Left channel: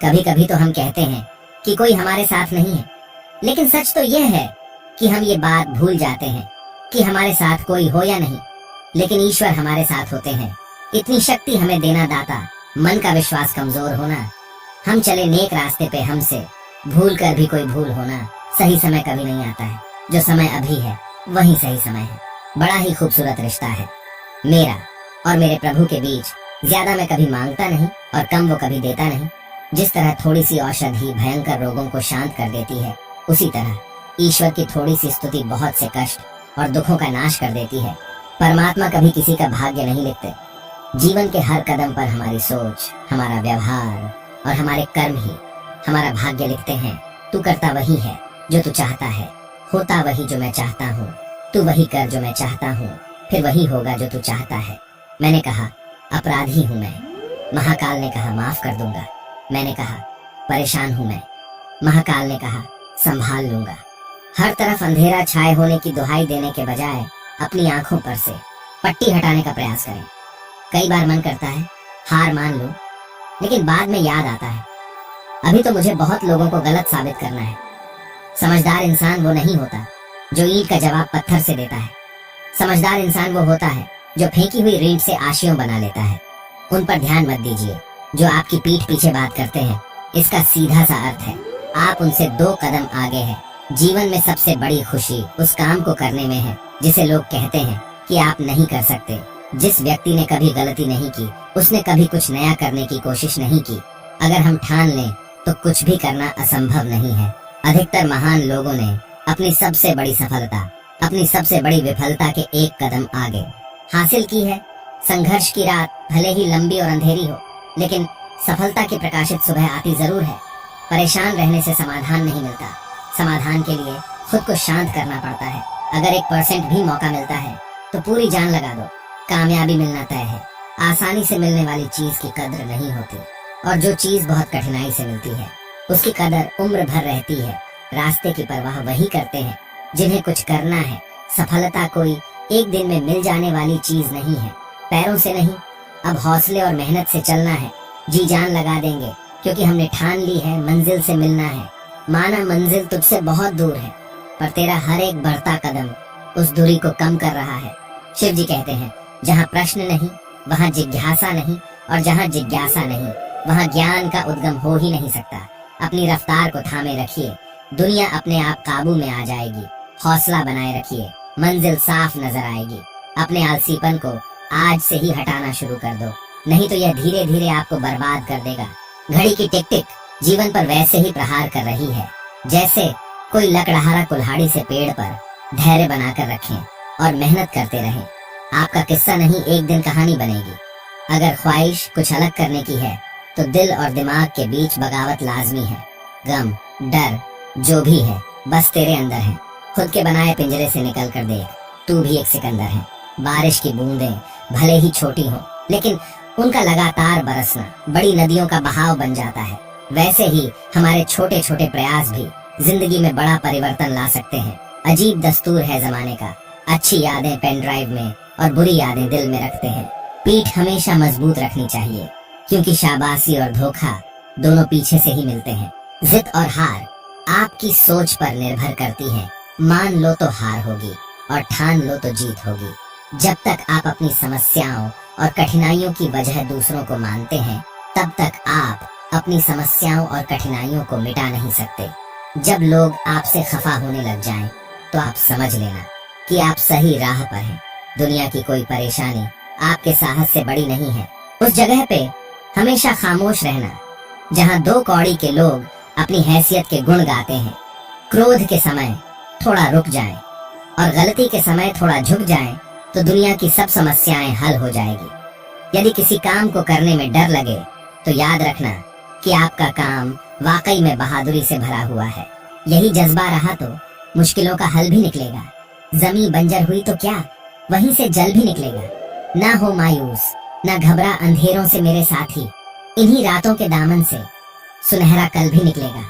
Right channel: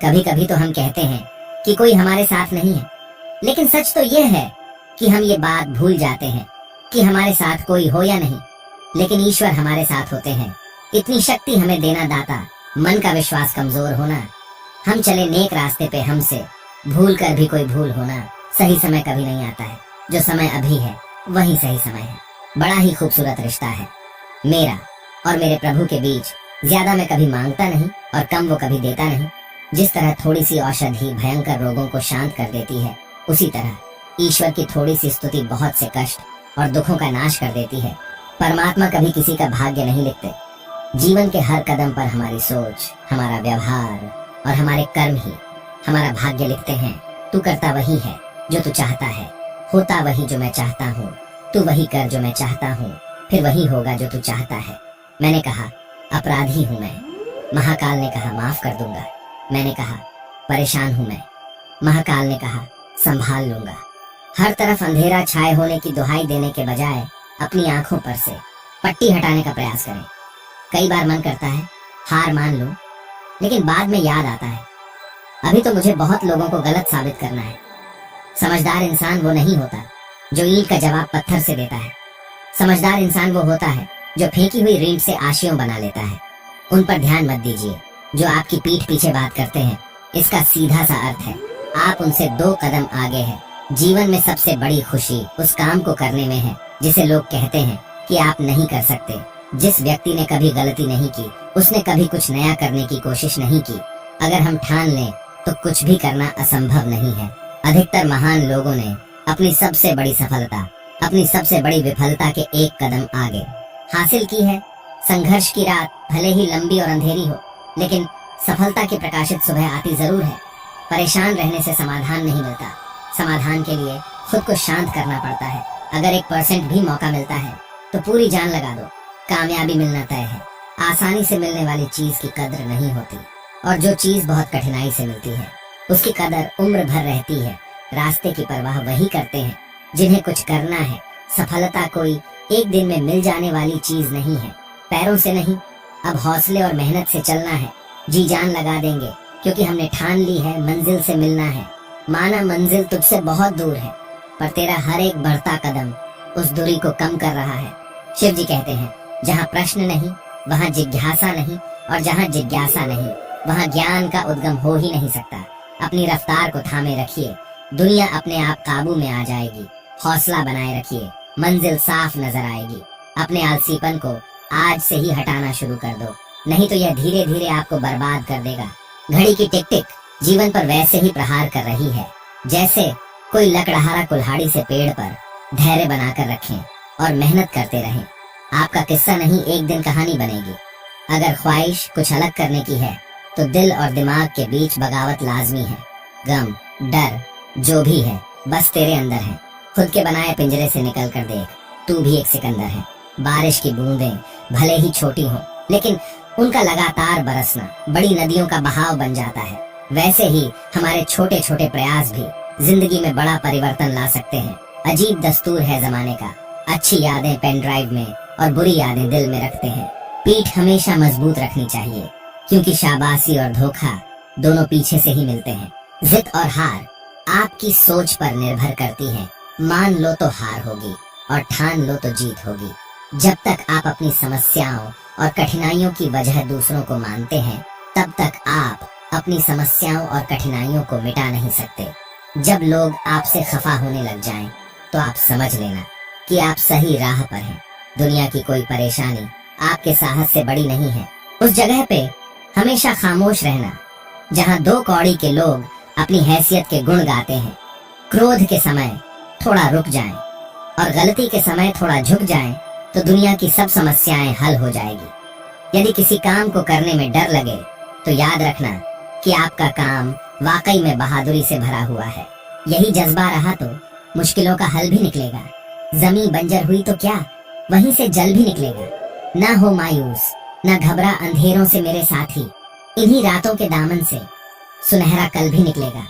कभी कभी तो हम कहते हैं कि कोई हमारे साथ नहीं है, लेकिन सच तो यह है कि हम ये बात भूल जाते हैं कि हमारे साथ कोई हो या नहीं, लेकिन ईश्वर हमारे साथ होते हैं। इतनी शक्ति हमें देना दाता, मन का विश्वास कमजोर होना, हम चले नेक रास्ते पे हमसे भूल कर भी कोई भूल होना। सही समय कभी नहीं आता है, जो समय अभी है वही सही समय है। बड़ा ही खूबसूरत रिश्ता है मेरा और मेरे प्रभु के बीच। ज्यादा मैं कभी मांगता नहीं और कम वो कभी देता नहीं। जिस तरह थोड़ी सी औषधि भयंकर रोगों को शांत कर देती है, उसी तरह ईश्वर की थोड़ी सी स्तुति बहुत से कष्ट और दुखों का नाश कर देती है। परमात्मा कभी किसी का भाग्य नहीं लिखते। जीवन के हर कदम पर हमारी सोच, हमारा व्यवहार और हमारे कर्म ही हमारा भाग्य लिखते हैं। तू करता वही है जो तू चाहता है, होता वही जो मैं चाहता हूँ। तू वही कर जो मैं चाहता हूँ, फिर वही होगा जो तू चाहता है। मैंने कहा अपराधी हूँ मैं, महाकाल ने कहा माफ कर दूंगा। मैंने कहा परेशान हूँ मैं, महाकाल ने कहा संभाल लूंगा। हर तरफ अंधेरा छाए होने की दुहाई देने के बजाय अपनी आंखों पर से पट्टी हटाने का प्रयास करें। कई बार मन करता है हार मान लूं, लेकिन बाद में याद आता है अभी तो मुझे बहुत लोगों को गलत साबित करना है। समझदार इंसान वो नहीं होता जो ईंट का जवाब पत्थर से देता है। समझदार इंसान वो होता है जो फेंकी हुई रींट से आशियों बना लेता है। उन पर ध्यान मत दीजिए जो आपकी पीठ पीछे बात करते हैं। इसका सीधा सा अर्थ है आप उनसे 2 कदम आगे हैं। जीवन में सबसे बड़ी खुशी उस काम को करने में है जिसे लोग कहते हैं कि आप नहीं कर सकते। जिस व्यक्ति ने कभी गलती नहीं की, उसने कभी कुछ नया करने की कोशिश नहीं की। अगर हम ठान लें तो कुछ भी करना असंभव नहीं है। अधिकतर महान लोगों ने अपनी सबसे बड़ी सफलता अपनी सबसे बड़ी विफलता के 1 कदम आगे हासिल की है। संघर्ष की रात भले ही लंबी और अंधेरी हो, लेकिन सफलता की प्रकाशित सुबह आती जरूर है। परेशान रहने से समाधान नहीं मिलता, समाधान के लिए खुद को शांत करना पड़ता है। अगर 1% भी मौका मिलता है तो पूरी जान लगा दो, कामयाबी मिलना तय है। आसानी से मिलने वाली चीज की कद्र नहीं होती, और जो चीज बहुत कठिनाई से मिलती है उसकी कदर उम्र भर रहती है। रास्ते की परवाह वही करते हैं जिन्हें कुछ करना है। सफलता कोई एक दिन में मिल जाने वाली चीज नहीं है। पैरों से नहीं, अब हौसले और मेहनत से चलना है। जी जान लगा देंगे क्योंकि हमने ठान ली है मंजिल से मिलना है। माना मंजिल तुझसे बहुत दूर है, पर तेरा हर एक बढ़ता कदम उस दूरी को कम कर रहा है। शिव जी कहते हैं जहाँ प्रश्न नहीं वहाँ जिज्ञासा नहीं, और जहाँ जिज्ञासा नहीं वहाँ ज्ञान का उद्गम हो ही नहीं सकता। अपनी रफ्तार को थामे रखिए, दुनिया अपने आप काबू में आ जाएगी। हौसला बनाए रखिए, मंजिल साफ नजर आएगी। अपने आलसीपन को आज से ही हटाना शुरू कर दो, नहीं तो यह धीरे धीरे आपको बर्बाद कर देगा। घड़ी की टिक टिक जीवन पर वैसे ही प्रहार कर रही है जैसे कोई लकड़हारा कुल्हाड़ी से पेड़ पर धैर्य बनाकर रखें और मेहनत करते रहें। आपका किस्सा नहीं एक दिन कहानी बनेगी। अगर ख्वाहिश कुछ अलग करने की है तो दिल और दिमाग के बीच बगावत लाजमी है। गम, डर जो भी है बस तेरे अंदर है। खुद के बनाए पिंजरे से निकल कर देख, तू भी एक सिकंदर है। बारिश की बूंदें भले ही छोटी हों, लेकिन उनका लगातार बरसना बड़ी नदियों का बहाव बन जाता है। वैसे ही हमारे छोटे छोटे प्रयास भी जिंदगी में बड़ा परिवर्तन ला सकते हैं। अजीब दस्तूर है जमाने का, अच्छी यादें पेन ड्राइव में और बुरी यादें दिल में रखते हैं। पीठ हमेशा मजबूत रखनी चाहिए, क्योंकि शाबाशी और धोखा दोनों पीछे से ही मिलते हैं। जिद और हार आपकी सोच पर निर्भर करती है। मान लो तो हार होगी और ठान लो तो जीत होगी। जब तक आप अपनी समस्याओं और कठिनाइयों की वजह दूसरों को मानते हैं, तब तक आप अपनी समस्याओं और कठिनाइयों को मिटा नहीं सकते। जब लोग आपसे खफा होने लग जाएं, तो आप समझ लेना कि आप सही राह पर हैं। दुनिया की कोई परेशानी आपके साहस से बड़ी नहीं है। उस जगह पे हमेशा खामोश रहना जहाँ 2 कौड़ी के लोग अपनी हैसियत के गुण गाते हैं। क्रोध के समय थोड़ा रुक जाएं और गलती के समय थोड़ा झुक जाएं, तो दुनिया की सब समस्याएं हल हो जाएगी। यदि किसी काम को करने में डर लगे तो याद रखना कि आपका काम वाकई में बहादुरी से भरा हुआ है। यही जज्बा रहा तो मुश्किलों का हल भी निकलेगा। जमीन बंजर हुई तो क्या, वहीं से जल भी निकलेगा। ना हो मायूस, ना घबरा अंधेरों से मेरे साथी, इन्हीं रातों के दामन से सुनहरा कल भी निकलेगा।